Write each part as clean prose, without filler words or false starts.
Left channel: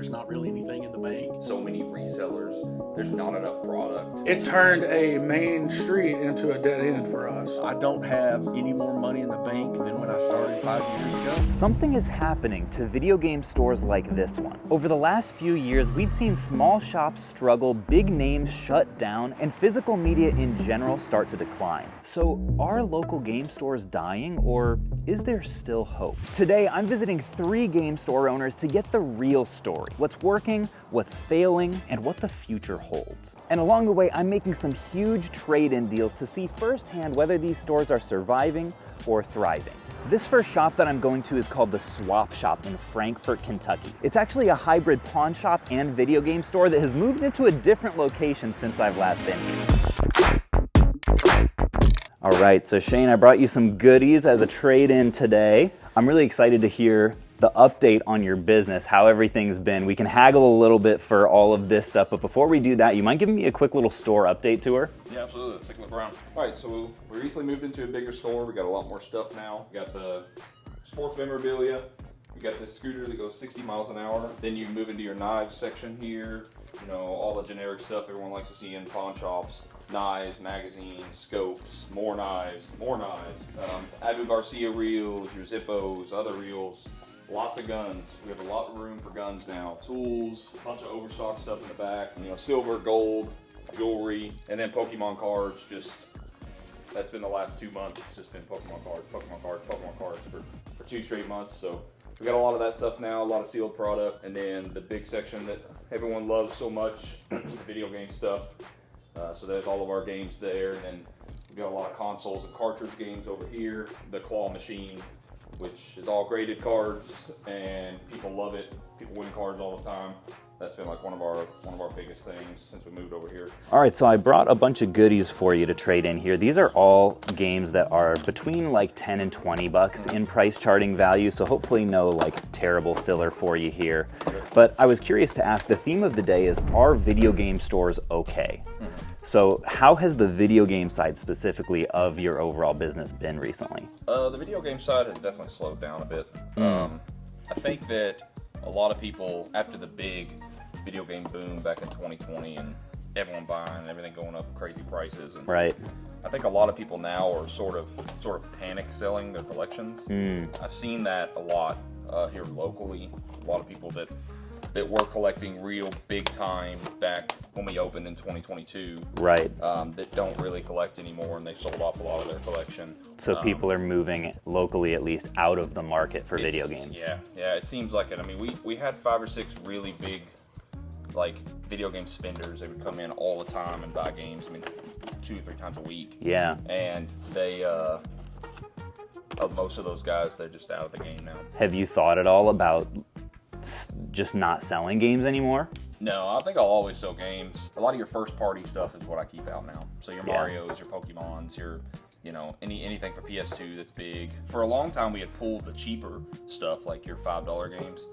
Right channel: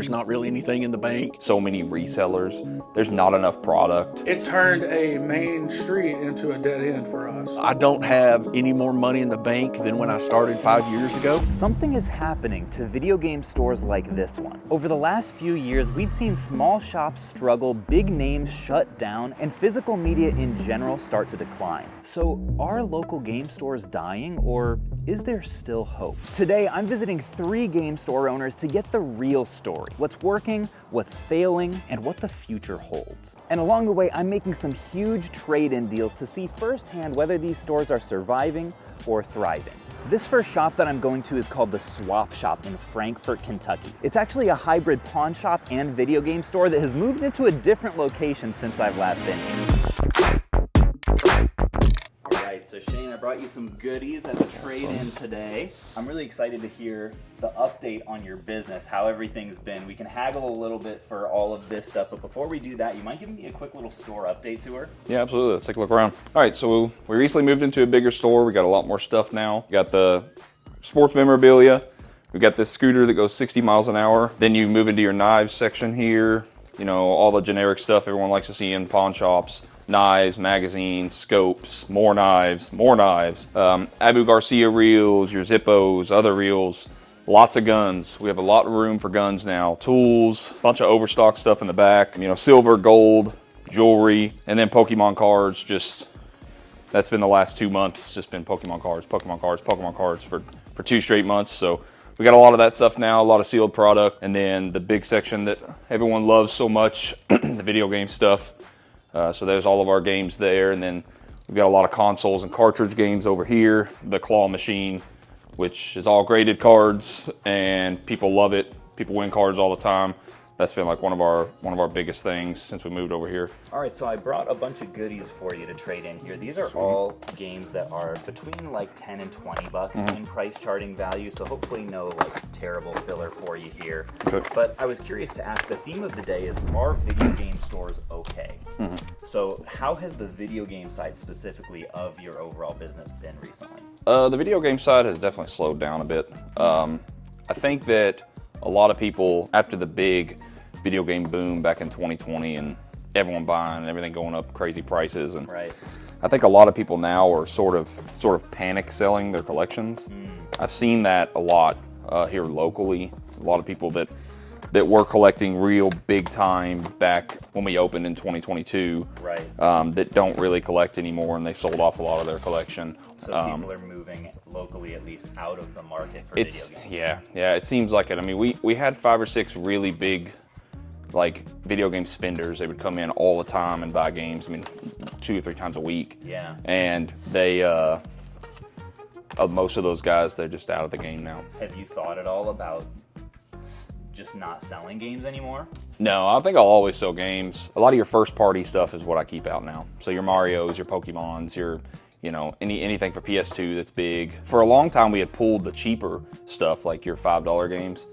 there's not really anything in the bank. So many resellers, there's not enough product. It turned a main street into a dead end for us. I don't have any more money in the bank than when I started 5 years ago. Something is happening to video game stores like this one. Over the last few years, we've seen small shops struggle, big names shut down, and physical media in general start to decline. So are local game stores dying, or is there still hope? Today, I'm visiting 3 game store owners to get the real story. What's working, what's failing, and what the future holds. And along the way, I'm making some huge trade-in deals to see firsthand whether these stores are surviving or thriving. This first shop that I'm going to is called the Swap Shop in Frankfort, Kentucky. It's actually a hybrid pawn shop and video game store that has moved into a different location since I've last been here. All right, so Shane, I brought you some goodies as a trade-in today. I'm really excited to hear the update on your business, how everything's been. We can haggle a little bit for all of this stuff, but before we do that, you mind giving me a quick little store update tour? Yeah, absolutely. Let's take a look around. All right, so we recently moved into a bigger store. We got a lot more stuff now. We got the sports memorabilia. We got this scooter that goes 60 miles an hour. Then you move into your knives section here. You know, all the generic stuff everyone likes to see in pawn shops. Knives, magazines, scopes, more knives, Abu Garcia reels, your Zippos, other reels, lots of guns. We have a lot of room for guns now. Tools, a bunch of overstock stuff in the back, you know, silver, gold, jewelry, and then Pokemon cards. Just, that's been the last 2 months. It's just been Pokemon cards for 2 straight months. So we got a lot of that stuff now, a lot of sealed product. And then the big section that everyone loves so much, the video game stuff. So there's all of our games there, and then we've got a lot of consoles and cartridge games over here. The claw machine, which is all graded cards, and people love it. People win cards all the time. That's been like one of our biggest things since we moved over here. All right, so I brought a bunch of goodies for you to trade in here. These are all games that are between like 10 and 20 bucks in price charting value, so hopefully no like terrible filler for you here. Okay. But I was curious to ask, the theme of the day is, are video game stores okay? So how has the video game side specifically of your overall business been recently? The video game side has definitely slowed down a bit. I think that a lot of people, after the big video game boom back in 2020 and everyone buying and everything going up crazy prices, and Right. I think a lot of people now are sort of panic selling their collections. I've seen that a lot here locally. A lot of people that were collecting real big time back when we opened in 2022, Right. that don't really collect anymore, and they sold off a lot of their collection. So people are moving, locally at least, out of the market for video games. Yeah, it seems like it. I mean, we had 5 or 6 really big, like, video game spenders. They would come in all the time and buy games, I mean, 2 or 3 times a week. Yeah. And they, most of those guys, they're just out of the game now. Have you thought at all about just not selling games anymore? No, I think I'll always sell games. A lot of your first party stuff is what I keep out now. So your Marios, your Pokemons, your, you know, anything for PS2 that's big. For a long time, we had pulled the cheaper stuff, like your $5 games.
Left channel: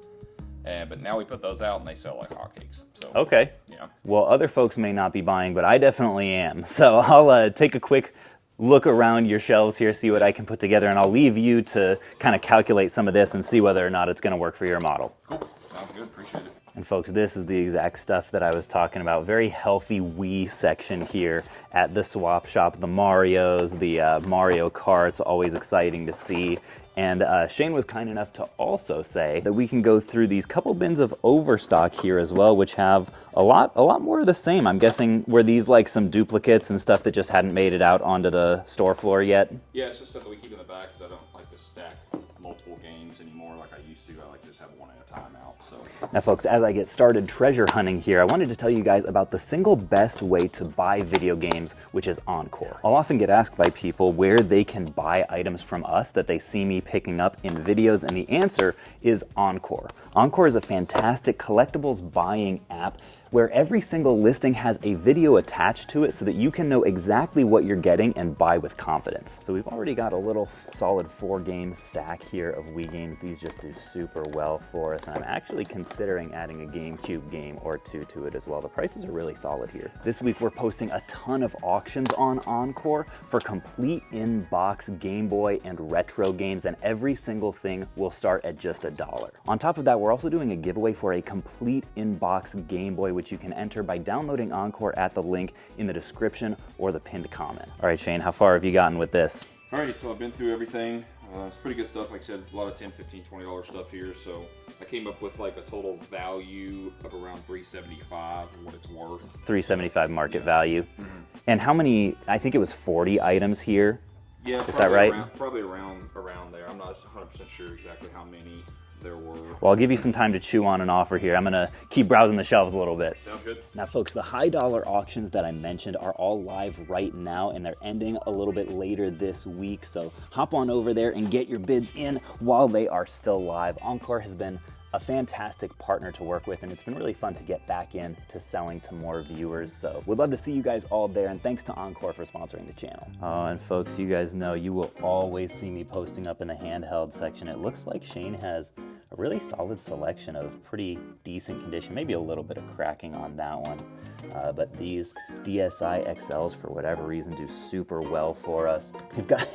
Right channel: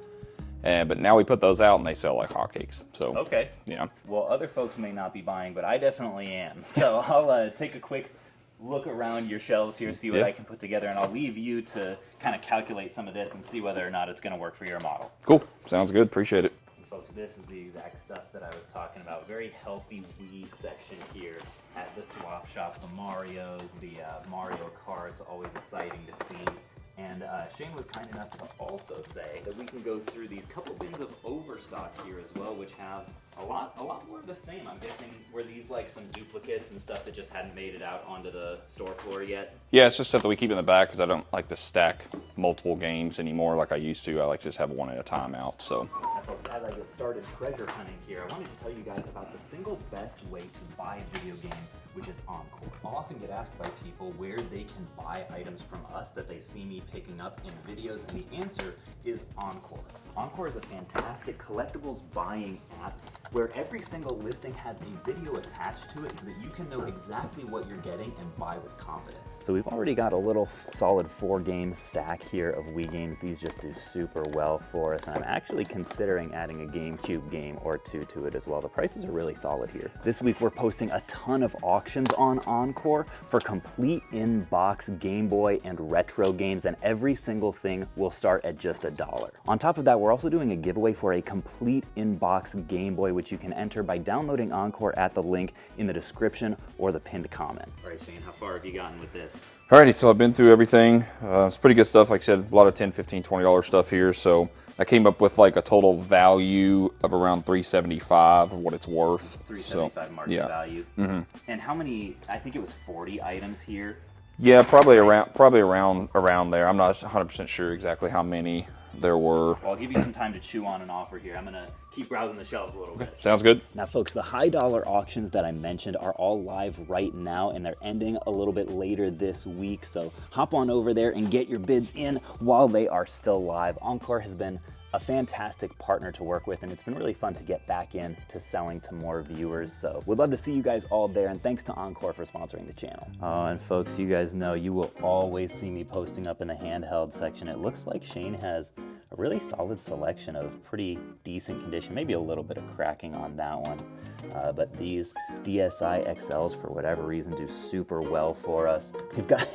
But now we put those out and they sell like hotcakes. So Okay. yeah. Well, other folks may not be buying, but I definitely am. So I'll take a quick look around your shelves here, see what I can put together, and I'll leave you to kind of calculate some of this and see whether or not it's going to work for your model. Cool. Sounds good. Appreciate it. And folks, this is the exact stuff that I was talking about. Very healthy Wii section here at the Swap Shop. The Marios, the Mario Karts, always exciting to see. And Shane was kind enough to also say that we can go through these couple bins of overstock here as well, which have a lot more of the same. I'm guessing, were these like some duplicates and stuff that just hadn't made it out onto the store floor yet? Yeah, it's just stuff that we keep in the back because I don't like to stack multiple games anymore like I used to. I like to just have one at a time out. So now folks, as I get started treasure hunting here, I wanted to tell you guys about the single best way to buy video games, which is Encore. I'll often get asked by people where they can buy items from us that they see me picking up in videos, and the answer is Encore. Encore is a fantastic collectibles buying app where every single listing has a video attached to it so that you can know exactly what you're getting and buy with confidence. So we've already got a little solid 4-game stack here of Wii games. These just do super well for us, and I'm actually considering adding a GameCube game or 2 to it as well. The prices are really solid here. This week we're posting a ton of auctions on Encore for complete in-box Game Boy and retro games, and every single thing will start at just $1. On top of that, we're we're also doing a giveaway for a complete in-box Game Boy, which you can enter by downloading Encore at the link in the description or the pinned comment. All right, Shane, how far have you gotten with this? Alrighty, so I've been through everything. It's pretty good stuff. Like I said, a lot of $10, $15, $20 stuff here. So I came up with like a total value of around $375 of what it's worth. $375 market value. And how many? I think it was 40 items here. Yeah, probably right? around there. I'm not 100% sure exactly how many there were. Well, I'll give you some time to chew on an offer here. I'm gonna keep browsing the shelves a little bit. Sounds good. Now, folks, the high dollar auctions that I mentioned are all live right now, and they're ending a little bit later this week. So hop on over there and get your bids in while they are still live. Encore has been a fantastic partner to work with, and it's been really fun to get back in to selling to more viewers. So we'd love to see you guys all there, and thanks to Encore for sponsoring the channel. Oh, and folks, you guys know you will always see me posting up in the handheld section. It looks like Shane has a really solid selection of pretty decent condition, maybe a little bit of cracking on that one. But these DSi XLs, for whatever reason, do super well for us. We've got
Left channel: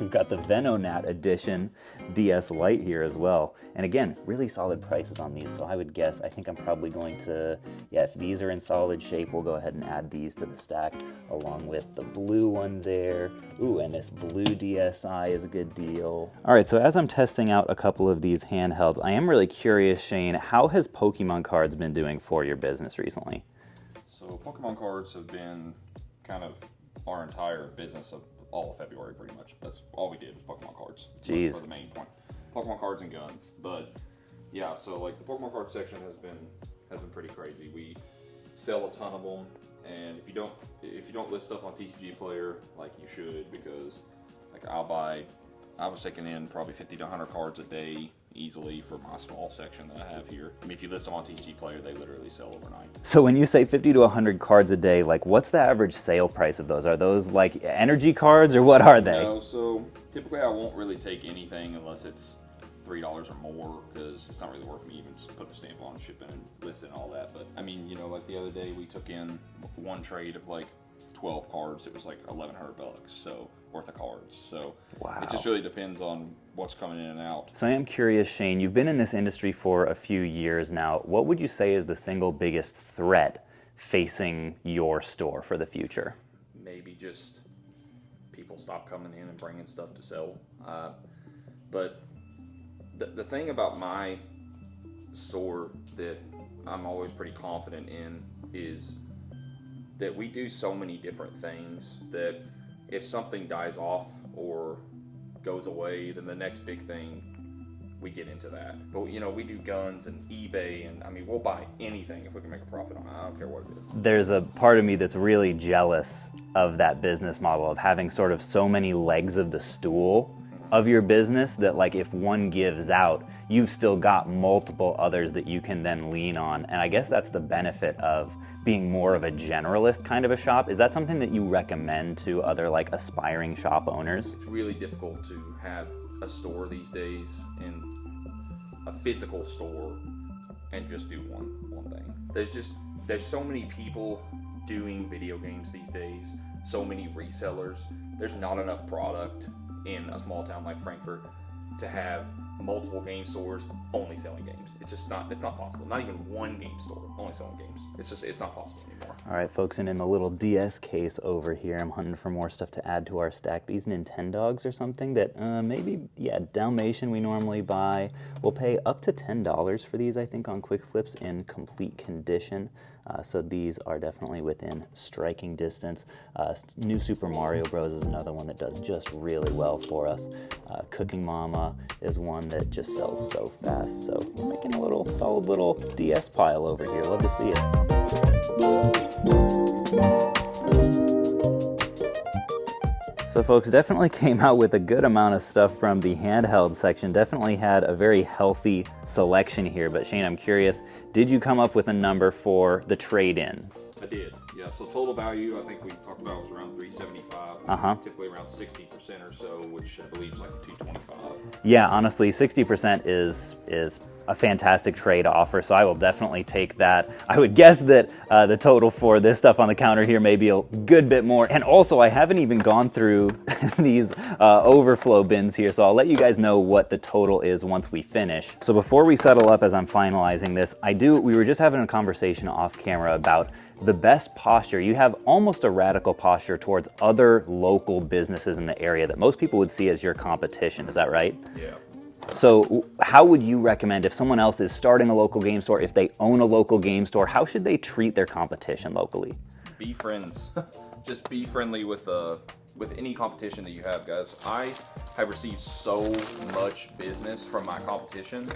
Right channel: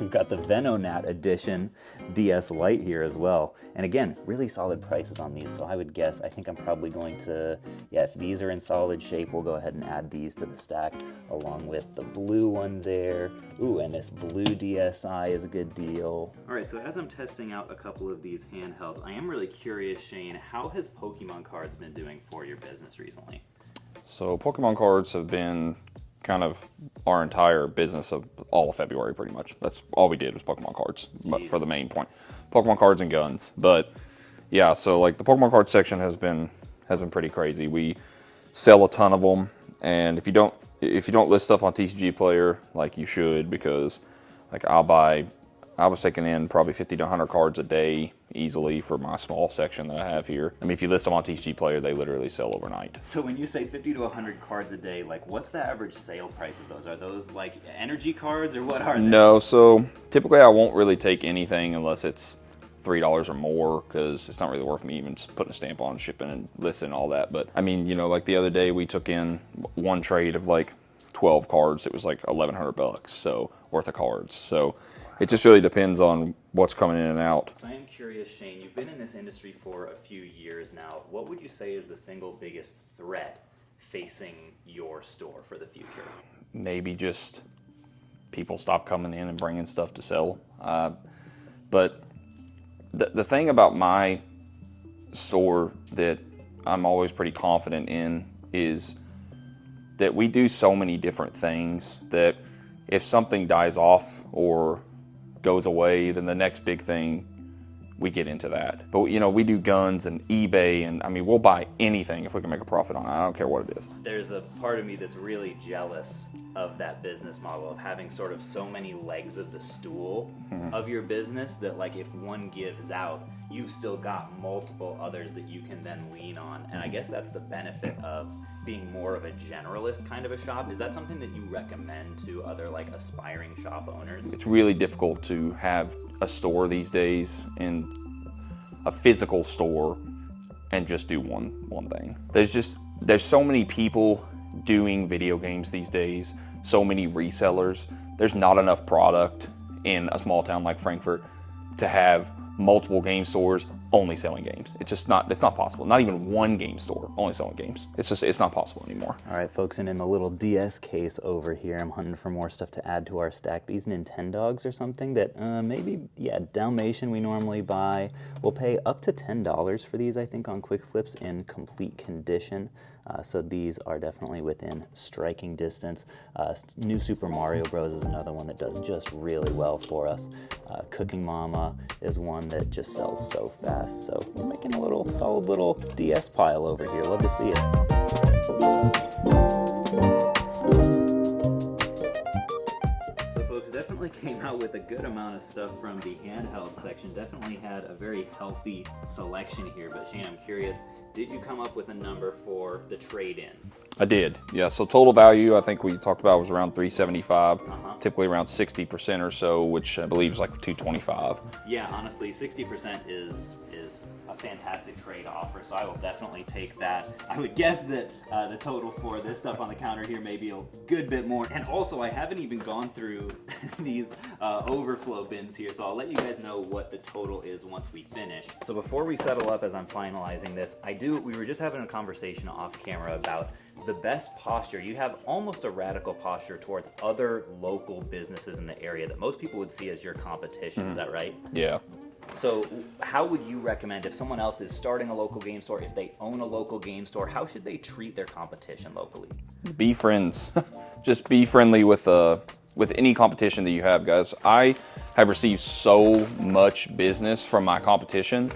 we've got the Venonat edition DS Lite here as well. And again, really solid prices on these. So I would guess, I think I'm probably going to, yeah, if these are in solid shape, we'll go ahead and add these to the stack along with the blue one there. Ooh, and this blue DSi is a good deal. All right, so as I'm testing out a couple of these handhelds, I am really curious, Shane, how has Pokemon cards been doing for your business recently? So Pokemon cards have been kind of our entire business of all of February, pretty much. That's all we did was Pokemon cards for the main point. Pokemon cards and guns. But yeah, so like the Pokemon card section has been pretty crazy. We sell a ton of them, and if you don't list stuff on TCG Player, like you should, because like I was taking in probably 50 to 100 cards a day easily for my small section that I have here. I mean, if you list them on TCG Player, they literally sell overnight. So when you say 50 to 100 cards a day, like what's the average sale price of those? Are those like energy cards or what are they? No, so typically I won't really take anything unless it's $3 or more, because it's not really worth me even just putting a stamp on shipping and listing and all that. But I mean, you know, like the other day we took in one trade of like 12 cards. It was like $1,100 so worth of cards. So it just really depends on what's coming in and out. So I am curious, Shane, you've been in this industry for a few years now. What would you say is the single biggest threat facing your store for the future? Maybe just people stop coming in and bringing stuff to sell. But the thing about my store that I'm always pretty confident in is that we do so many different things that if something dies off or goes away, then the next big thing, we get into that. But you know, we do guns and eBay, and I mean, we'll buy anything if we can make a profit on it. I don't care what it is. There's a part of me that's really jealous of that business model of having sort of so many legs of the stool of your business that like if one gives out, you've still got multiple others that you can then lean on. And I guess that's the benefit of being more of a generalist kind of a shop. Is that something that you recommend to other like aspiring shop owners? It's really difficult to have a store these days, in a physical store, and just do one thing. There's so many people doing video games these days, so many resellers. There's not enough product in a small town like Frankfurt to have multiple game stores only selling games. It's not possible. Not even one game store only selling games. It's not possible anymore. All right, folks, and in the little DS case over here, I'm hunting for more stuff to add to our stack. These Nintendogs or something that maybe, yeah, Dalmatian we normally buy. We'll pay up to $10 for these, I think, on Quick Flips in complete condition. So these are definitely within striking distance. New Super Mario Bros. Is another one that does just really well for us. Cooking Mama is one that just sells so fast. So we're making a little solid little DS pile over here. Love to see it. So folks, definitely came out with a good amount of stuff from the handheld section. Definitely had a very healthy selection here. But Shane, I'm curious, did you come up with a number for the trade-in? I did, yeah. So total value, I think we talked about was around $375. Typically around 60% or so, which I believe is like $225. Yeah, honestly, 60% is a fantastic trade offer, so I will definitely take that. I would guess that the total for this stuff on the counter here may be a good bit more. And also, I haven't even gone through these overflow bins here, so I'll let you guys know what the total is once we finish. So before we settle up as I'm finalizing this, we were just having a conversation off camera about the best posture. You have almost a radical posture towards other local businesses in the area that most people would see as your competition. Is that right? Yeah. So how would you recommend, if someone else is starting a local game store, if they own a local game store, how should they treat their competition locally? Be friends. Just be friendly with any competition that you have, guys. I have received so much business from my competition.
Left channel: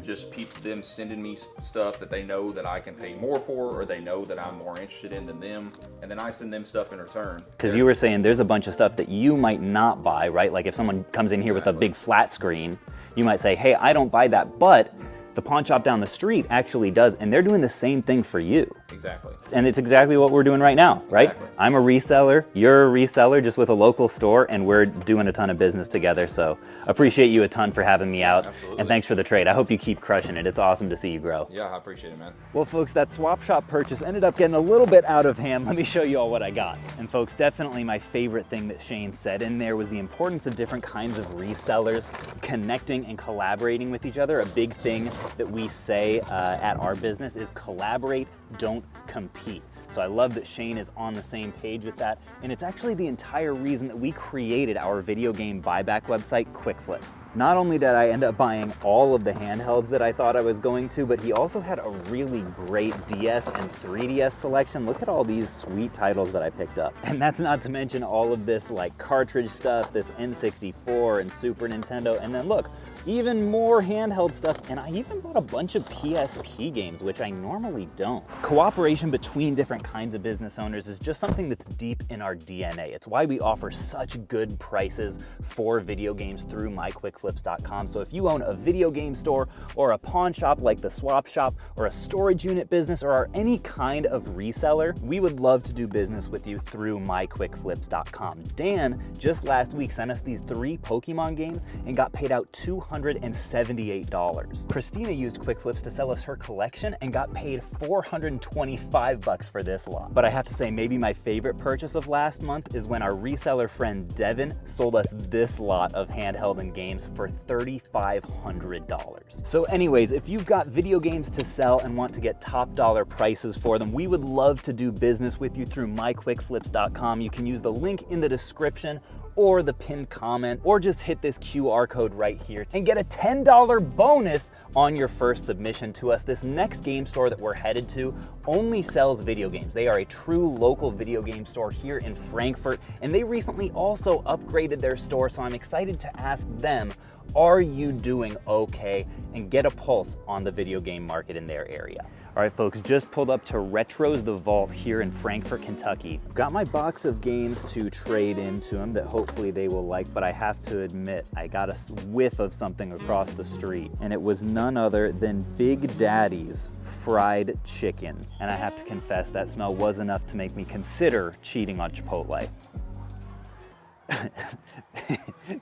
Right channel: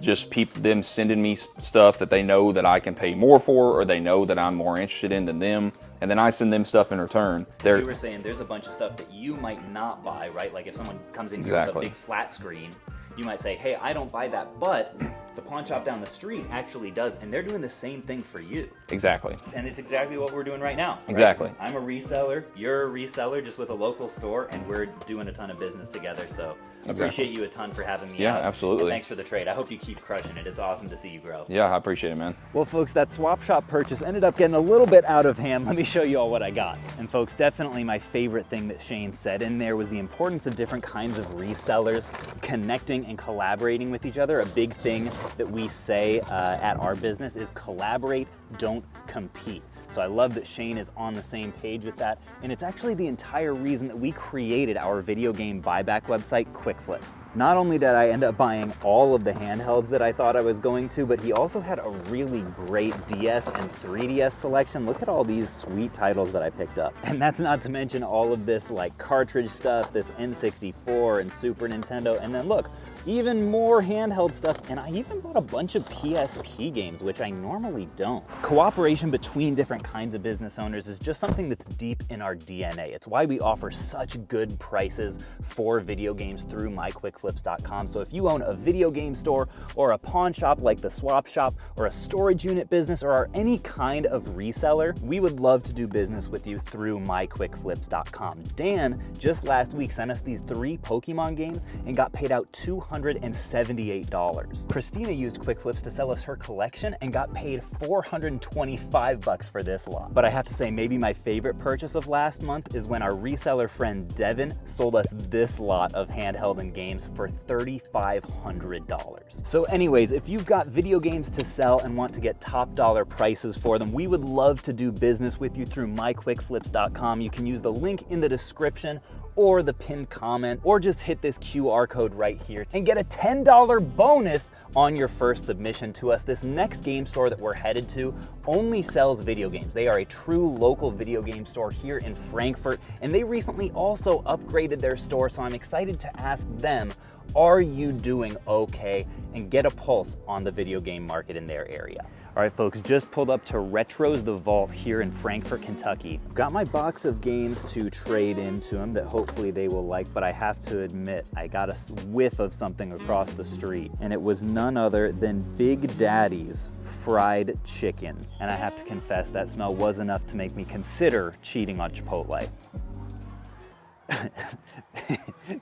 Just them sending me stuff that they know that I can pay more for, or they know that I'm more interested in than them, and then I send them stuff in return. Because you were saying there's a bunch of stuff that you might not buy, right? Like if someone comes in here with a big flat screen, you might say, hey, I don't buy that, but the pawn shop down the street actually does, and they're doing the same thing for you. Exactly. And it's exactly what we're doing right now, right? Exactly. I'm a reseller, you're a reseller just with a local store, and we're doing a ton of business together, so appreciate you a ton for having me out. Absolutely. And thanks for the trade. I hope you keep crushing it. It's awesome to see you grow. Yeah, I appreciate it, man. Well, folks, that swap shop purchase ended up getting a little bit out of hand. Let me show you all what I got. And folks, definitely my favorite thing that Shane said in there was the importance of different kinds of resellers connecting and collaborating with each other. A big thing that we say at our business is collaborate, don't compete. So I love that Shane is on the same page with that, and it's actually the entire reason that we created our video game buyback website, Quick Flips. Not only did I end up buying all of the handhelds that I thought I was going to, but he also had a really great DS and 3DS selection. Look at all these sweet titles that I picked up. And that's not to mention all of this like cartridge stuff, this N64 and Super Nintendo, and then look, even more handheld stuff, and I even bought a bunch of PSP games, which I normally don't. Cooperation between different kinds of business owners is just something that's deep in our DNA. It's why we offer such good prices for video games through myquickflips.com. So if you own a video game store or a pawn shop like the Swap Shop or a storage unit business or are any kind of reseller, we would love to do business with you through myquickflips.com. Dan just last week sent us these 3 Pokemon games and got paid out $278. Christina used Quick Flips to sell us her collection and got paid $425 for this lot. But I have to say, maybe my favorite purchase of last month is when our reseller friend Devin sold us this lot of handheld and games for $3,500. So anyways, if you've got video games to sell and want to get top dollar prices for them, we would love to do business with you through myquickflips.com. You can use the link in the description or the pinned comment, or just hit this QR code right here and get a $10 bonus on your first submission to us. This next game store that we're headed to only sells video games. They are a true local video game store here in Frankfurt, and they recently also upgraded their store, so I'm excited to ask them, are you doing okay? And get a pulse on the video game market in their area. All right, folks, just pulled up to Retro's The Vault here in Frankfort, Kentucky. I've got my box of games to trade into them that hopefully they will like, but I have to admit, I got a whiff of something across the street, and it was none other than Big Daddy's fried chicken. And I have to confess, that smell was enough to make me consider cheating on Chipotle.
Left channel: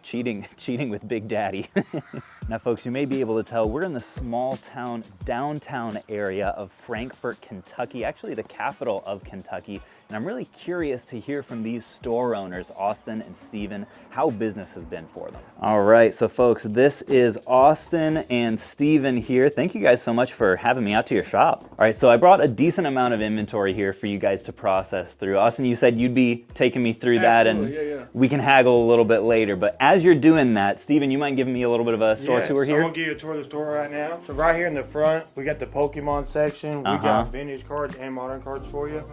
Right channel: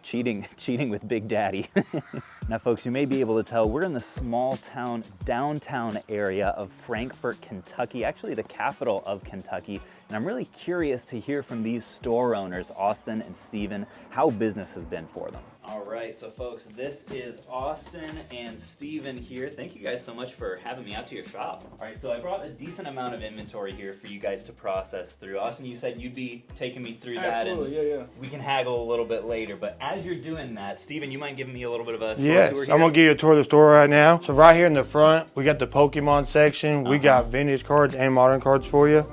cheating with Big Daddy. Now folks, you may be able to tell we're in the small town downtown area of Frankfort, Kentucky, actually the capital of Kentucky, and I'm really curious to hear from these store owners, Austin and Steven, how business has been for them. All right, so folks, this is Austin and Steven here. Thank you guys so much for having me out to your shop. All right, so I brought a decent amount of inventory here for you guys to process through. Austin, you said you'd be taking me through that, and yeah. we can haggle a little bit later, but as you're doing that, Steven, you mind giving me a little bit of a store tour here? I'm gonna give you a tour of the store right now. So right here in the front, we got the Pokemon section. We got vintage cards and modern cards for you.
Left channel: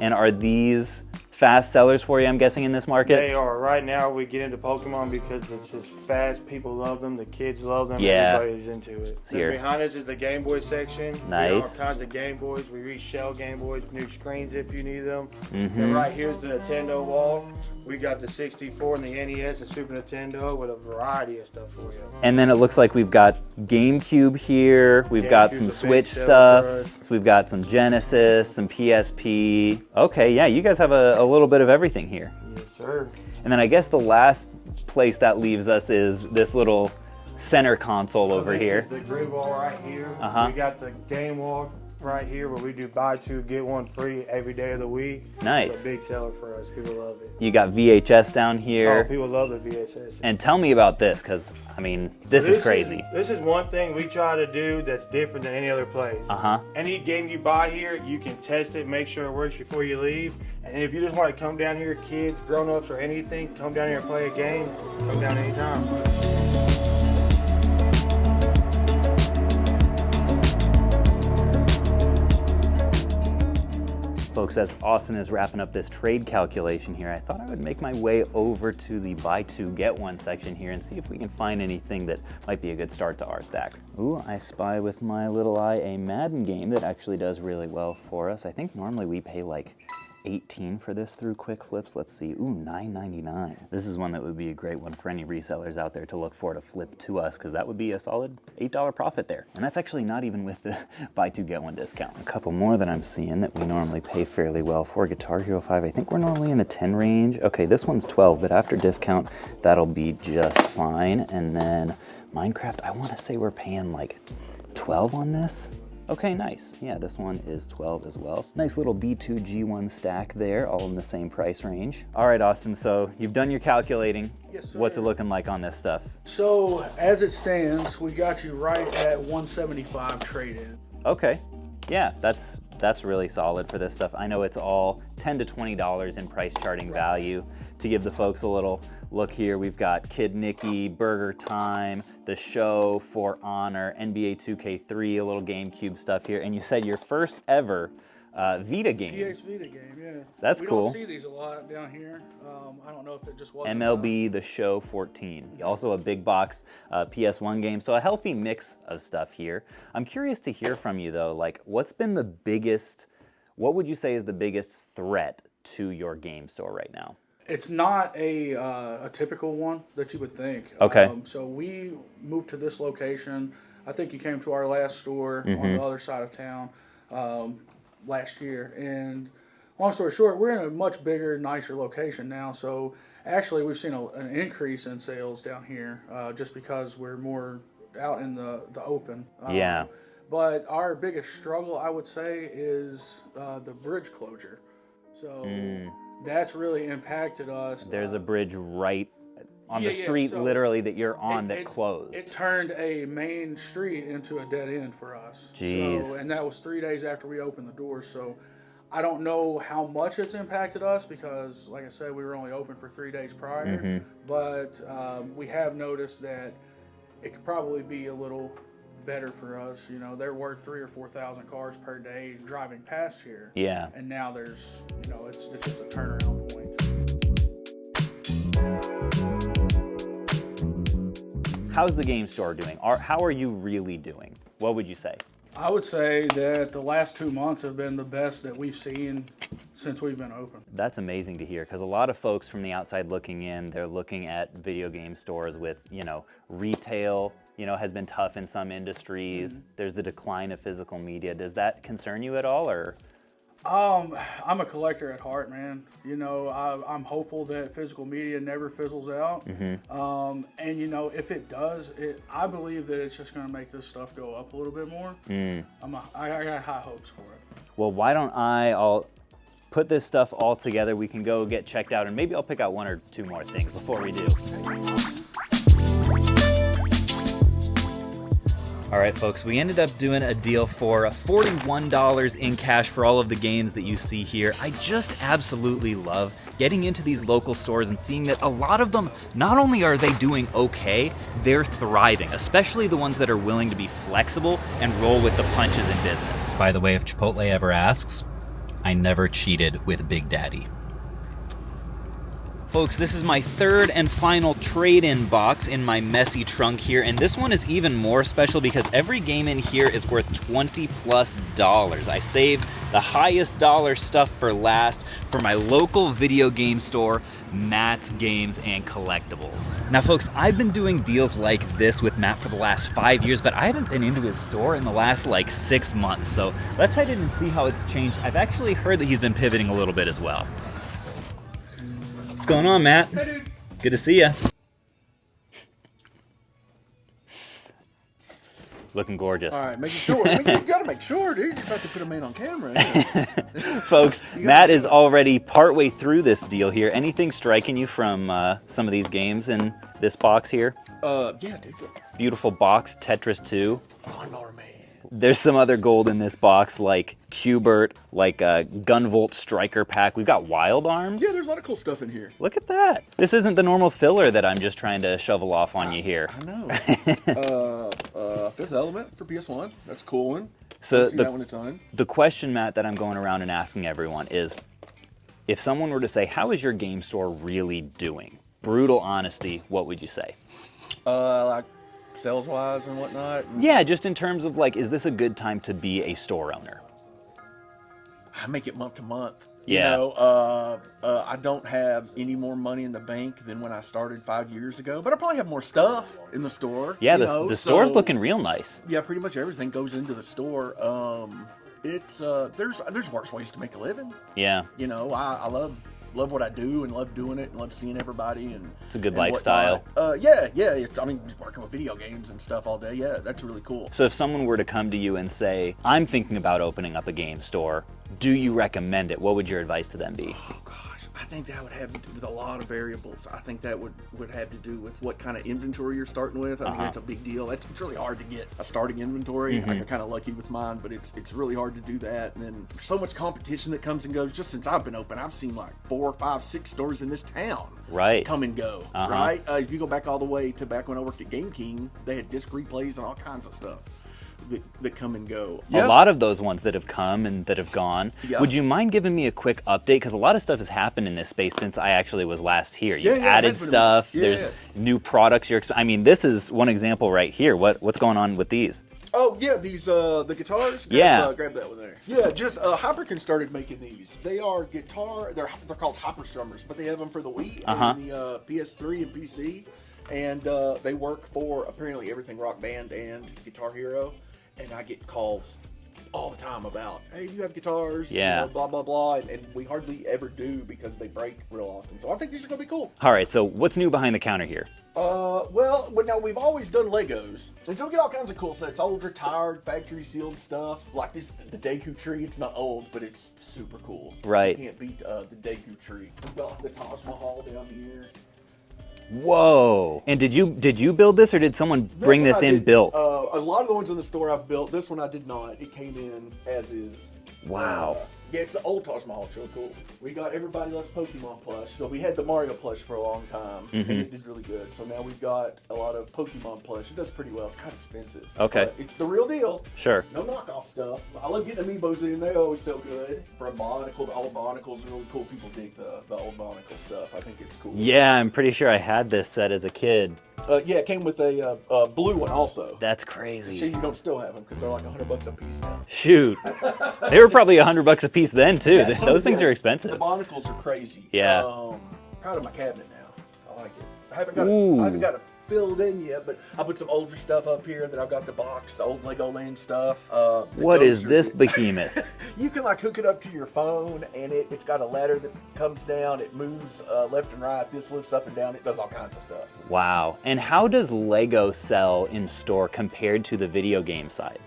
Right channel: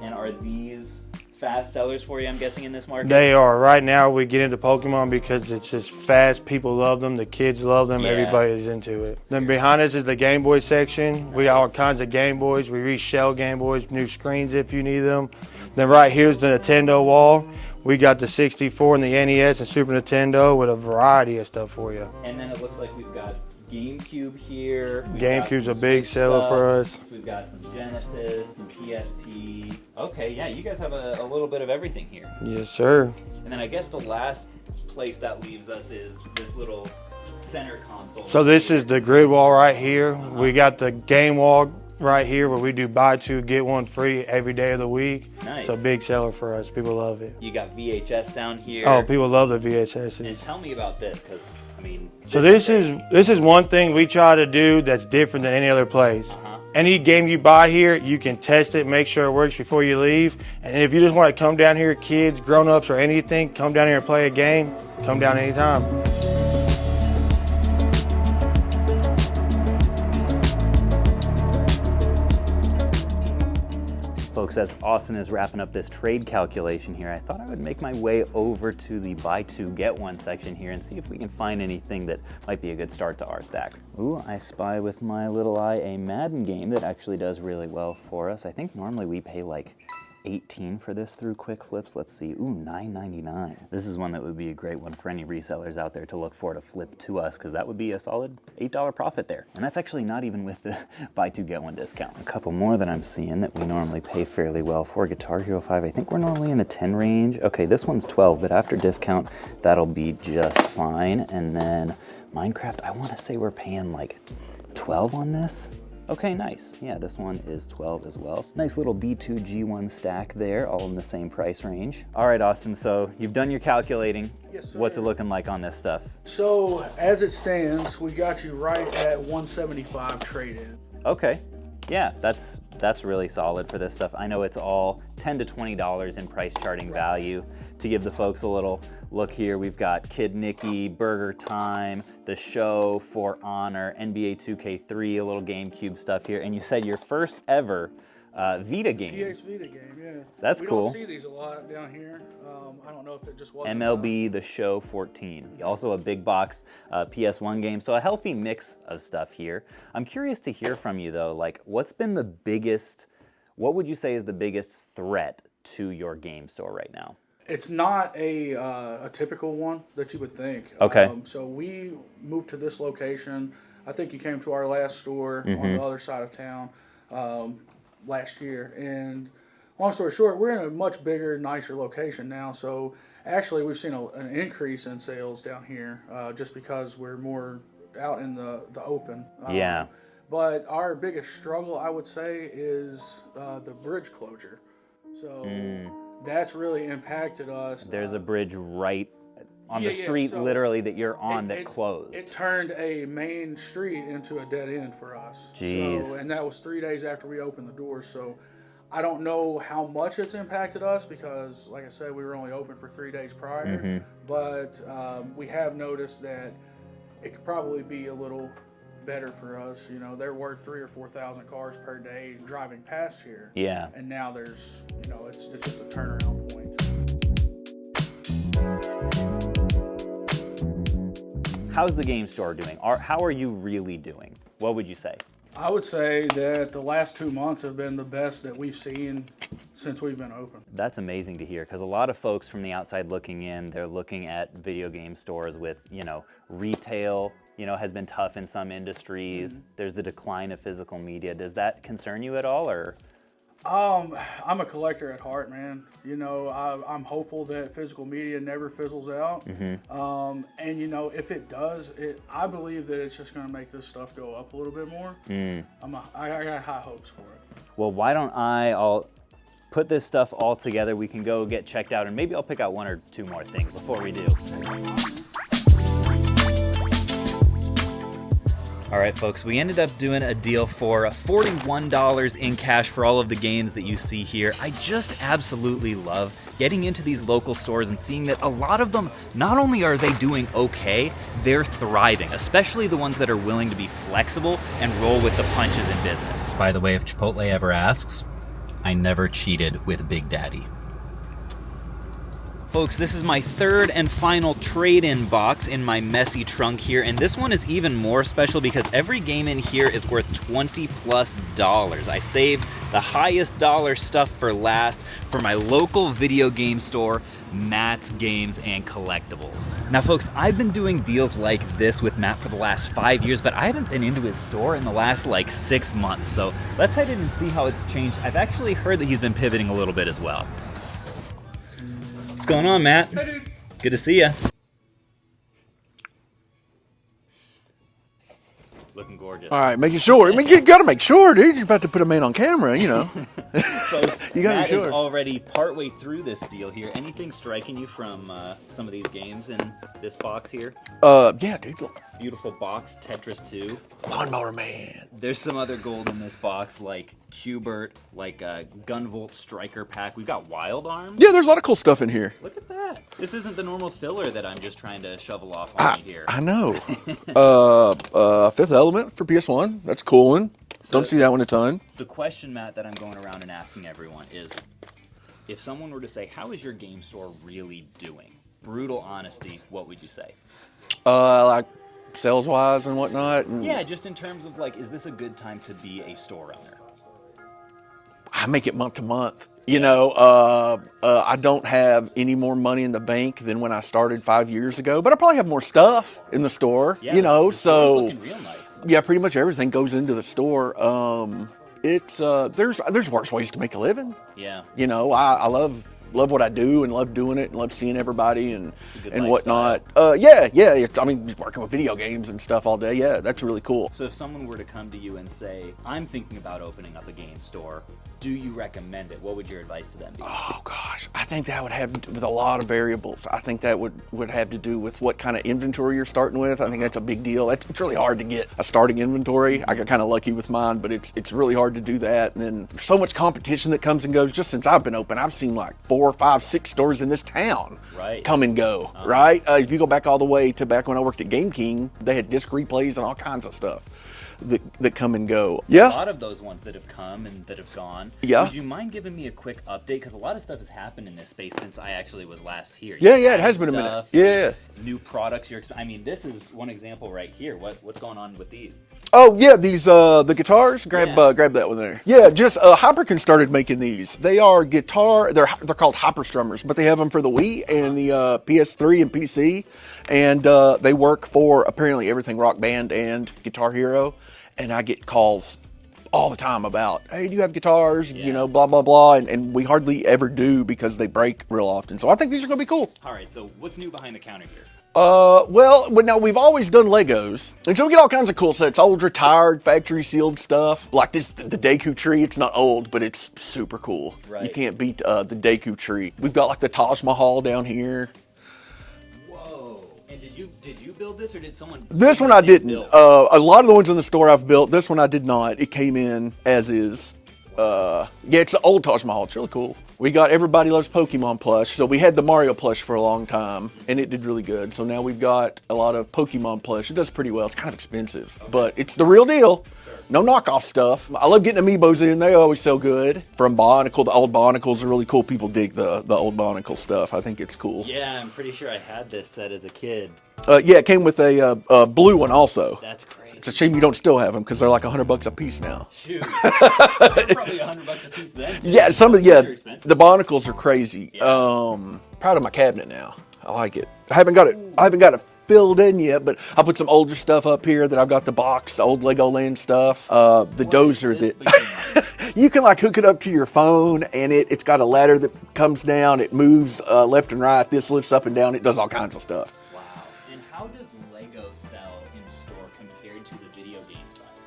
And are these fast sellers for you, I'm guessing, in this market? They are. Right now, we get into Pokemon because it's just fast. People love them. The kids love them. Yeah. Everybody's into it. Then here. behind us is the Game Boy section. We got all Nice. kinds of Game Boys. We reshell Game Boys, new screens if you need them. Then right here's the Nintendo wall. we got the 64 and the NES and Super Nintendo with a variety of stuff for you. And then it looks like we've got GameCube here. We've got some GameCube's a big Switch seller for stuff. us. We've got some Genesis, some PSP. Okay, yeah, you guys have a little bit of everything here. Yes, sir. And then I guess the last place that leaves us is this little center console So over this here. is the grid wall right here. We got the game wall right here where we do buy two, get one free every day of the week. Nice. It's a big seller for us. People love it. You got VHS down here. Oh, people love the VHS. And tell me about this, because, I mean, this is crazy. This is one thing we try to do that's different than any other place. Any game you buy here, you can test it, make sure it works before you leave. And if you just want to come down here, kids, grown-ups, or anything, come down here and play a game, come down anytime. Folks, as Austin is wrapping up this trade calculation here, I thought I would make my way over to the buy two, get one section here and see if we can find anything that might be a good start to our stack. Ooh, I spy with my little eye a Madden game that actually does really well for us. I think normally we pay like 18 for this through Quick Flips. Let's see, ooh, $9.99. This is one that would be a great one for any resellers out there to look for to flip to us, because that would be a solid $8 profit there. And that's actually not even with the buy two, get one discount. A couple more that I'm seeing that we normally pay fairly well for. Guitar Hero 5, I think we're normally in the 10 range. Okay, this one's 12, but after discount, that'll be just fine. And then Minecraft, I wanna say we're paying like 12 on this. Okay, nice. Yeah, this one is 12 as well. Nice little B2 G1 stack there, all in the same price range. All right, Austin, so you've done your calculating. Yes, sir. What's it looking like on this stuff? So as it stands, we got you right at 175 trade-in. Okay, yeah, that's really solid for this stuff. I know it's all $10 to $20 in price charting value. To give the folks a little look here, we've got Kid Nicky, Burger Time, The Show, For Honor, NBA 2K3, a little GameCube stuff here, and you said your first ever Vita game. PX Vita game, yeah. That's cool. We don't see these a lot down here. I don't know if it just wasn't MLB The Show 14. Also a big box PS1 game, so a healthy mix of stuff here. I'm curious to hear from you though, like what would you say is the biggest threat to your game store right now? It's not a typical one that you would think. Okay. So we moved to this location. I think you came to our last store on the other side of town last year. And long story short, we're in a much bigger, nicer location now. So actually, we've seen an increase in sales down here just because we're more out in the open. Yeah. But our biggest struggle, I would say, is the bridge closure. So that's really impacted us. There's a bridge right on the street, so literally, that you're on that closed. It turned a main street into a dead end for us. Jeez. So, and that was 3 days after we opened the doors. So I don't know how much it's impacted us because, like I said, we were only open for 3 days prior. But we have noticed that it could probably be a little better for us. You know, there were 3,000 or 4,000 cars per day driving past here. Yeah. And now there's, it's just a turnaround point. How's the game store doing? How are you really doing? What would you say? I would say that the last 2 months have been the best that we've seen since we've been open. That's amazing to hear, because a lot of folks from the outside looking in, they're looking at video game stores with, retail, has been tough in some industries. There's the decline of physical media. Does that concern you at all, or? I'm a collector at heart, man. I'm hopeful that physical media never fizzles out. And if it does, I believe that it's just going to make this stuff go up a little bit more. I got high hopes for it. Well, why don't I'll put this stuff all together. We can go get checked out, and maybe I'll pick out 1 or 2 more things before we do. All right, folks, we ended up doing a deal for $41 in cash for all of the games that you see here. I just absolutely love getting into these local stores and seeing that a lot of them, not only are they doing okay, they're thriving, especially the ones that are willing to be flexible and roll with the punches in business. By the way, if Chipotle ever asks, I never cheated with Big Daddy. Folks, this is my third and final trade-in box in my messy trunk here, and this one is even more special because every game in here is worth $20+. I saved the highest dollar stuff for last for my local video game store, Matt's Games and Collectibles. Now folks, I've been doing deals like this with Matt for the last 5 years, but I haven't been into his store in the last like 6 months, so let's head in and see how it's changed. I've actually heard that he's been pivoting a little bit as well. What's going on, Matt? Hey, dude. Good to see you. Looking gorgeous. All right, making sure. I mean, you got to make sure, dude. You're about to put a man on camera, you know. Folks, You gotta Matt be is sure. already partway through this deal here. Anything striking you from some of these games in this box here? Yeah, dude. Beautiful box, Tetris 2. Lawnmower Man. There's some other gold in this box, like Qbert, like a Gunvolt Striker pack. We've got Wild Arms. Yeah, there's a lot of cool stuff in here. Look at that. This isn't the normal filler that I'm just trying to shovel off on you here. I know. Fifth Element for PS1. That's a cool one. So Don't see that one a ton. The question, Matt, that I'm going around and asking everyone is, if someone were to say, how is your game store really doing? Brutal honesty, what would you say? Like sales-wise and whatnot. And Yeah, just in terms of like, is this a good time to be a store owner? I make it month to month. You Yeah. know, I don't have any more money in the bank than when I started 5 years ago, but I probably have more stuff in the store. Yeah, you the, know, the store's so looking real nice. yeah, pretty much everything goes into the store. There's worse ways to make a living. Yeah. You know, I love what I do and love doing it and love seeing everybody and It's a good and lifestyle. whatnot. Yeah. I mean, just working with video games and stuff all day. Yeah, that's really cool. So if someone were to come to you and say, I'm thinking about opening up a game store, do you recommend it? What would your advice to them be? Oh gosh, I think that would have to do with a lot of variables. I think that would have to do with what kind of inventory you're starting with. I think that's a big deal. It's really hard to get a starting inventory. I got kind of lucky with mine, but it's really hard to do that. And then there's so much competition that comes and goes. Just since I've been open, I've seen like 4, 5, 6 stores in this town Right. come and go. Right? If you go back all the way to back when I worked at Game King, they had disc replays and all kinds of stuff that come and go. A lot of those ones that have come and that have gone. Yeah. Would you mind giving me a quick update? Because a lot of stuff has happened in this space since I actually was last here. Yeah, You've it added has been a minute. stuff. Yeah. There's new products. I mean, this is one example right here. What's going on with these? Oh yeah, these the guitars. Yeah. Grab that one there. Yeah, just Hyperkin started making these. They are guitar. They're called Hyper Strummers, but they have them for the Wii and the PS3 and PC, and they work for apparently everything Rock Band and Guitar Hero. And I get calls all the time about, hey, do you have guitars? Yeah. You know, blah blah blah, and we hardly ever do because they break real often. So I think these are gonna be cool. All right, so what's new behind the counter here? Well, now we've always done Legos, and so we get all kinds of cool sets, old, retired, factory sealed stuff. Like this, the Deku tree. It's not old, but it's super cool. Right. You can't beat the Deku tree. We've got like the Taj Mahal down here. Whoa! And did you build this, or did someone This bring one this I in didn't. built? A lot of the ones in the store I've built. This one I did not. It came in as is. Wow. Yeah, it's the old Taj Mahal. It's really cool. We got Everybody Loves Pokemon plush. So we had the Mario plush for a long time, and it did really good. So now we've got a lot of Pokemon plush. It does pretty well. It's kind of expensive. Okay. But it's the real deal. Sure. No knockoff stuff. I love getting amiibos in. They always sell good. From Bionicle, the old Bionicles are really cool. People dig the old Bionicle stuff. I think it's cool. Yeah, I'm pretty sure I had this set as a kid. Yeah, it came with a blue one also. That's crazy. It's a shame you don't still have them because they're like $100 a piece now. Shoot, they were probably $100 a piece then too. Yeah, some Those of things are expensive. The Bionicles are crazy. Yeah. Proud of my cabinet now. I like it. I haven't got it filled in yet, but I put some older stuff up here that I've got the box, the old Legoland stuff. The What dozer. is this behemoth? You can like hook it up to your phone, and it's got a ladder that comes down. It moves left and right. This lifts up and down. It does all kinds of stuff. Wow. And how does Lego sell in store compared to the video game side?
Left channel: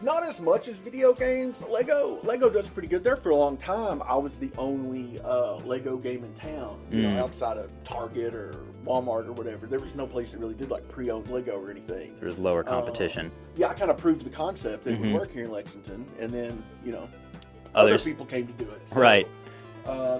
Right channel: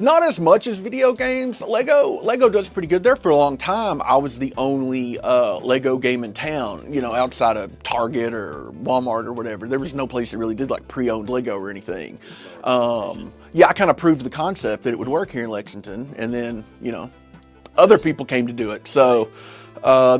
Not as much as video games. Lego does pretty good. There for a long time, I was the only Lego game in town, you know, outside of Target or Walmart or whatever. There was no place that really did like pre-owned Lego or anything. There's lower competition. Yeah, I kind of proved the concept that it would work here in Lexington, and then, you know, other Others- people came to do it. So Right.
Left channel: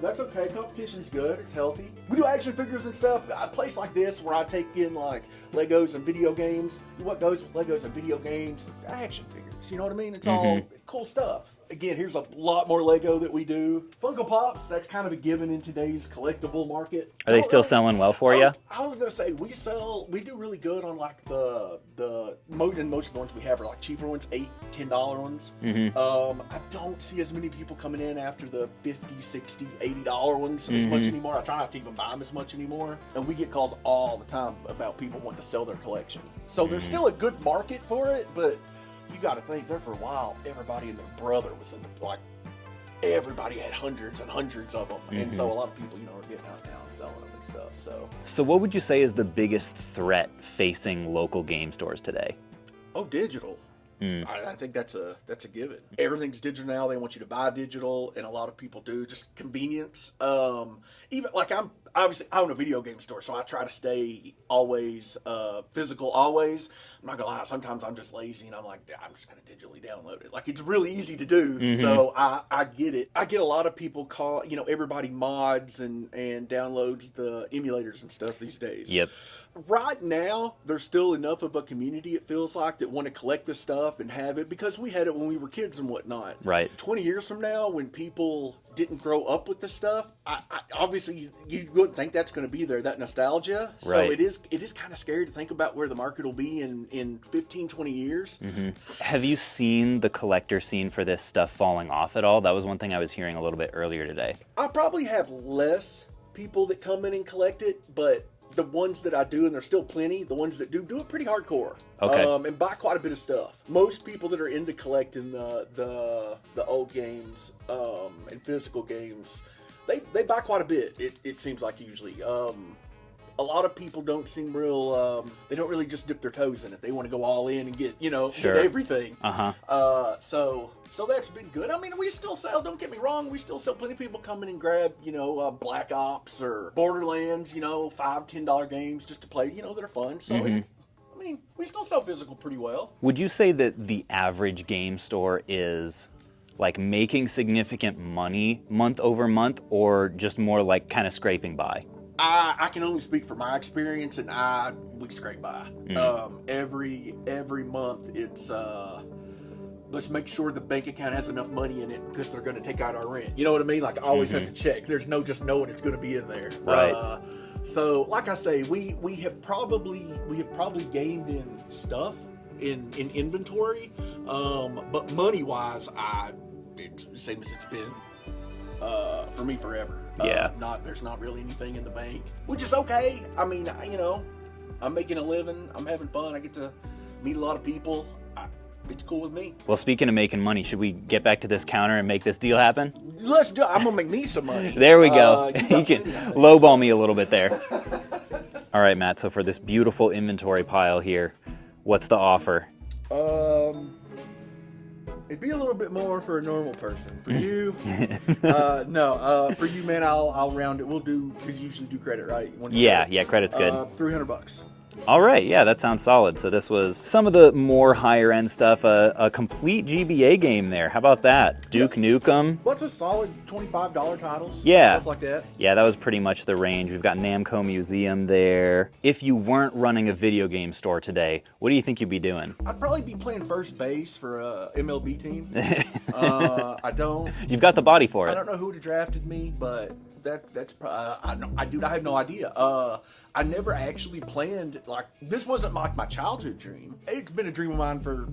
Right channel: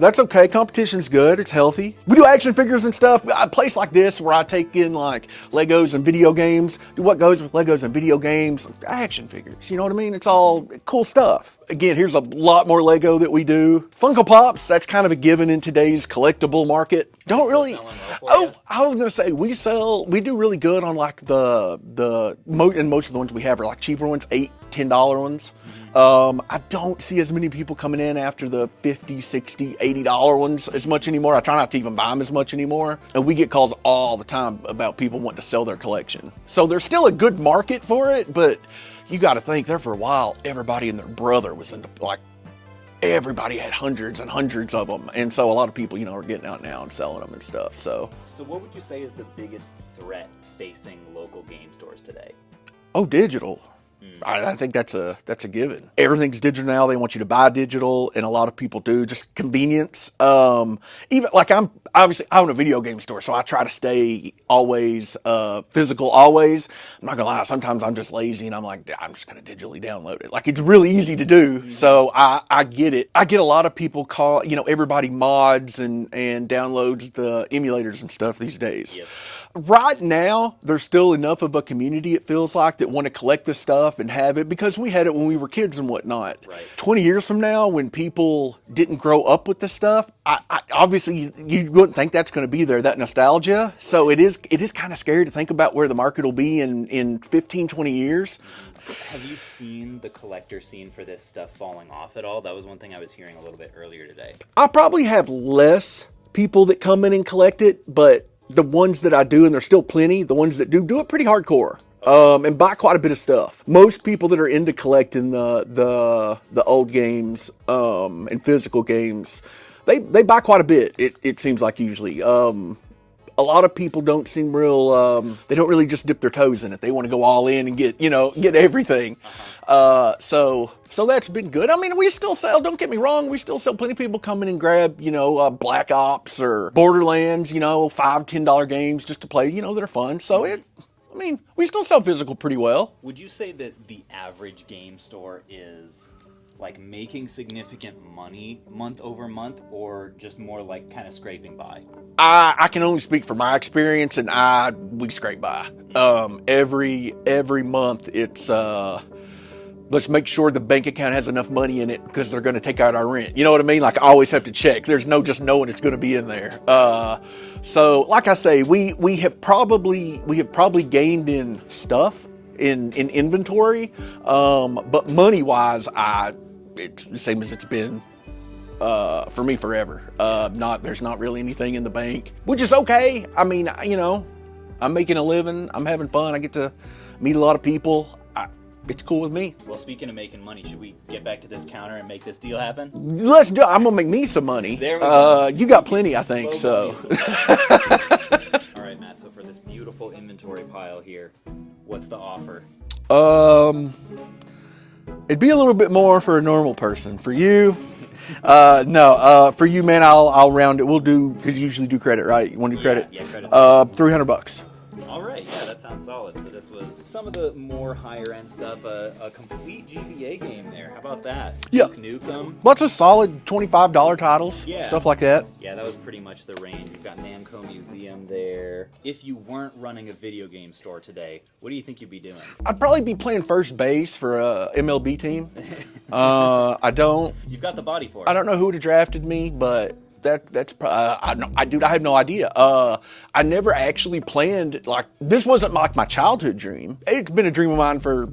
that's okay. Competition's good. It's healthy. We do action figures and stuff. A place like this where I take in like Legos and video games. Do what goes with Legos and video games. Action figures. You know what I mean? It's all cool stuff. again, here's a lot more Lego that we do. Funko Pops, that's kind of a given in today's collectible market. Are they still selling well for you? I was gonna say we do really good on like and most of the ones we have are like cheaper ones, $8, $10 ones. I don't see as many people coming in after the $50, $60, $80 ones as much anymore. I try not to even buy them as much anymore. And we get calls all the time about people wanting to sell their collection. So there's still a good market for it, but you got to think there for a while, everybody and their brother was into, like, everybody had hundreds and hundreds of them. And so a lot of people, are getting out now and selling them and stuff. So what would you say is the biggest threat facing local game stores today? Oh, digital. I think that's a given. Everything's digital now. They want you to buy digital, and a lot of people do. Just convenience. Even like I own a video game store, so I try to stay always physical. Always. I'm not gonna lie. Sometimes I'm just lazy, and I'm like, I'm just gonna digitally download it. Like it's really easy to do. So I get it. I get a lot of people call. Everybody mods and downloads the emulators and stuff these days. Yep. Right now, there's still enough of a community, it feels like, that want to collect this stuff and have it because we had it when we were kids and whatnot. Right. 20 years from now, when people didn't grow up with this stuff, I obviously you wouldn't think that's going to be there, that nostalgia. So Right. it is kind of scary to think about where the market will be in 15, 20 years. Have you seen the collector scene for this stuff falling off at all? That was one thing I was hearing a little bit earlier today. I probably have less people that come in and collect it, but the ones that I do, and there's still plenty, the ones that do it pretty hardcore. Okay. And buy quite a bit of stuff. Most people that are into collecting the old games and physical games, they buy quite a bit. It seems like usually. A lot of people don't seem real. They don't really just dip their toes in it. They want to go all in and get get everything. So that's been good. I mean, we still sell. Don't get me wrong. We still sell. Plenty of people come in and grab Black Ops or Borderlands. $5, $10 games just to play. They're fun. So we still sell physical pretty well. Would you say that the average game store is like making significant money month over month, or just more like kind of scraping by? I can only speak from my experience, and we scrape by. Every month it's let's make sure the bank account has enough money in it because they're going to take out our rent. You know what I mean? Like I always have to check. There's no just knowing it's going to be in there. Right. So like I say, we have probably gained in stuff in inventory, but money wise, it's the same as it's been for me forever. There's not really anything in the bank, which is okay. I mean, I'm making a living. I'm having fun. I get to meet a lot of people. It's cool with me. Well, speaking of making money, should we get back to this counter and make this deal happen? Let's do it. I'm gonna make me some money. There we go. You got plenty, I think. Lowball me a little bit there. All right, Matt. So for this beautiful inventory pile here, what's the offer? It'd be a little bit more for a normal person. For you, no. For you, man, I'll round it. We'll do, because you usually do credit, right? You want to do credit? Yeah, credit's good. $300. All right, yeah, that sounds solid. So this was some of the more higher end stuff, a complete GBA game there. How about that? Duke Nukem. Lots of solid $25 titles. Yeah. Stuff like that. Yeah, that was pretty much the range. We've got Namco Museum there. If you weren't running a video game store today, what do you think you'd be doing? I'd probably be playing first base for a MLB team. I don't. You've got the body for it. I don't know who would have drafted me, but that's probably, I have no idea. I never actually planned, like, this wasn't like my childhood dream. It's been a dream of mine for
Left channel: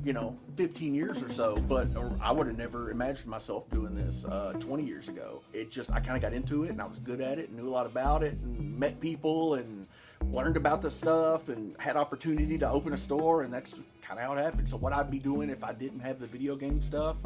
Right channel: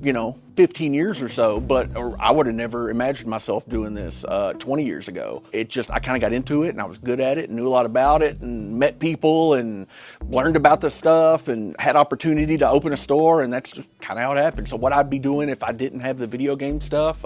15 years or so, but I would have never imagined myself doing this 20 years ago. I kind of got into it, and I was good at it and knew a lot about it and met people and learned about the stuff and had opportunity to open a store, and that's just kind of how it happened. So what I'd be doing if I didn't have the video game stuff,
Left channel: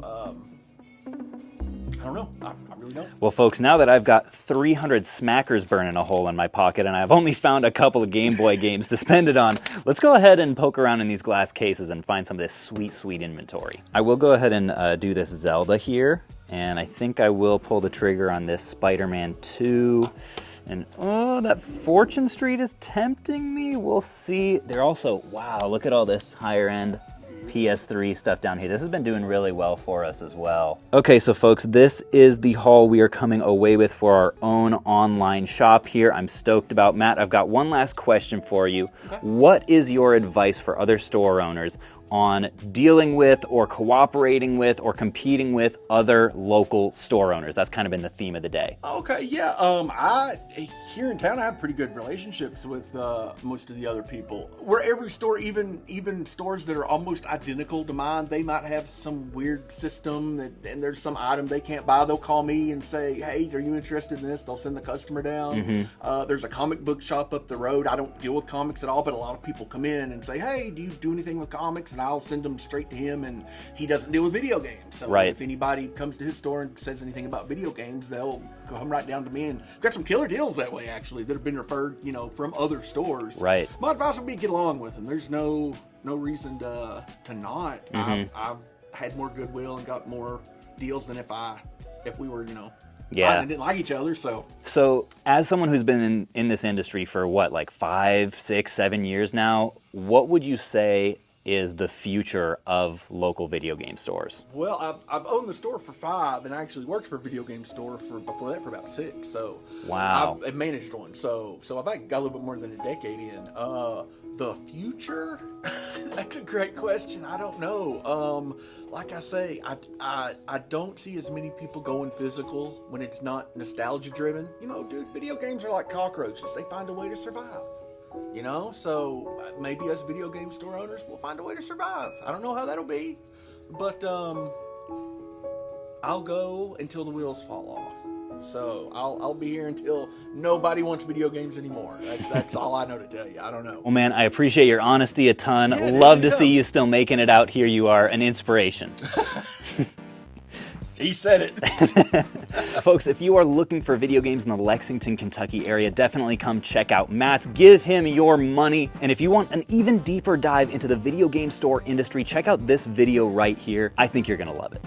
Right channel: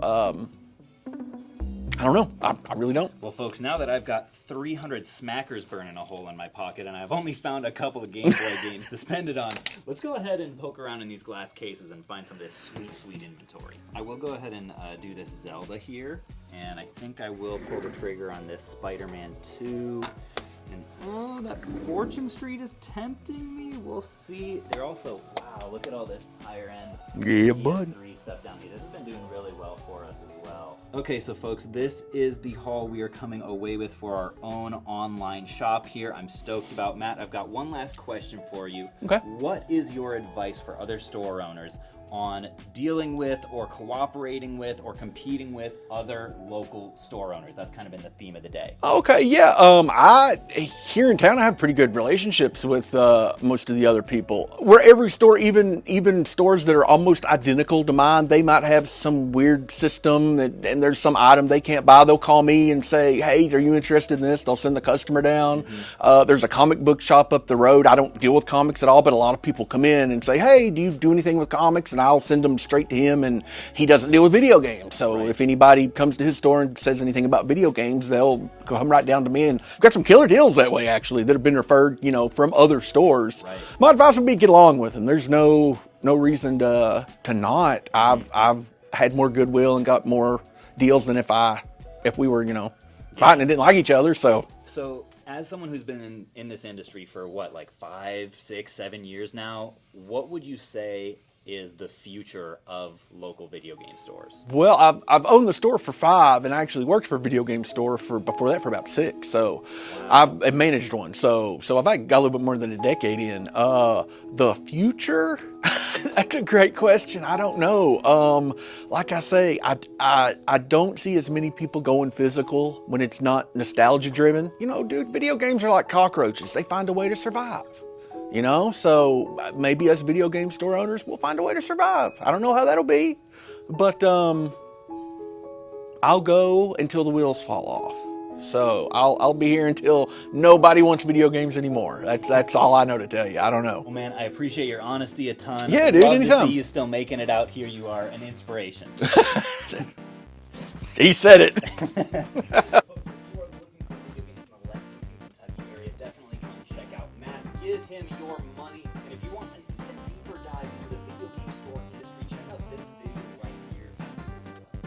I don't know. I really don't. Well, folks, now that I've got 300 smackers burning a hole in my pocket and I've only found a couple of Game Boy games to spend it on, let's go ahead and poke around in these glass cases and find some of this sweet, sweet inventory. I will go ahead and do this Zelda here, and I think I will pull the trigger on this Spider-Man 2. And oh, that Fortune Street is tempting me. We'll see. They're also, wow, look at all this higher end PS3 stuff down here. This has been doing really well for us as well. Okay, so folks, this is the haul we are coming away with for our own online shop here. I'm stoked about. Matt, I've got one last question for you. Okay. What is your advice for other store owners on dealing with or cooperating with or competing with other local store owners? That's kind of been the theme of the day. Okay, yeah. Here in town, I have pretty good relationships with most of the other people. Where every store, even stores that are almost identical to mine, they might have some weird system and there's some item they can't buy. They'll call me and say, "Hey, are you interested in this?" They'll send the customer down. There's a comic book shop up the road. I don't deal with comics at all, but a lot of people come in and say, "Hey, do you do anything with comics?" And I'll send them straight to him, and he doesn't deal with video games. So if anybody comes to his store and says anything about video games, they'll come right down to me. And I've got some killer deals that way, actually, that have been referred, from other stores. Right. My advice would be get along with them. There's no reason to not. I've had more goodwill and got more deals than if we were, fighting and didn't like each other. So as someone who's been in this industry for what, like 5, 6, 7 years now, what would you say is the future of local video game stores? Well, I've owned the store for 5, and I actually worked for a video game store before that for about 6. So wow. I've managed one. So I've got a little bit more than a decade in. The future? That's a great question. I don't know. Like I say, I don't see as many people going physical when it's not nostalgia driven. Dude, video games are like cockroaches. They find a way to survive. So maybe us video game store owners will find a way to survive. I don't know how that'll be, but I'll go until the wheels fall off. So I'll be here until nobody wants video games anymore. That's all I know to tell you. I don't know. Well, man, I appreciate your honesty a ton. Yeah, dude, love to see you still making it out here. You are an inspiration. He said it. Folks, if you are looking for video games in the Lexington, Kentucky area, definitely come check out Matt's. Give him your money. And if you want an even deeper dive into the video game store industry, check out this video right here. I think you're going to love it.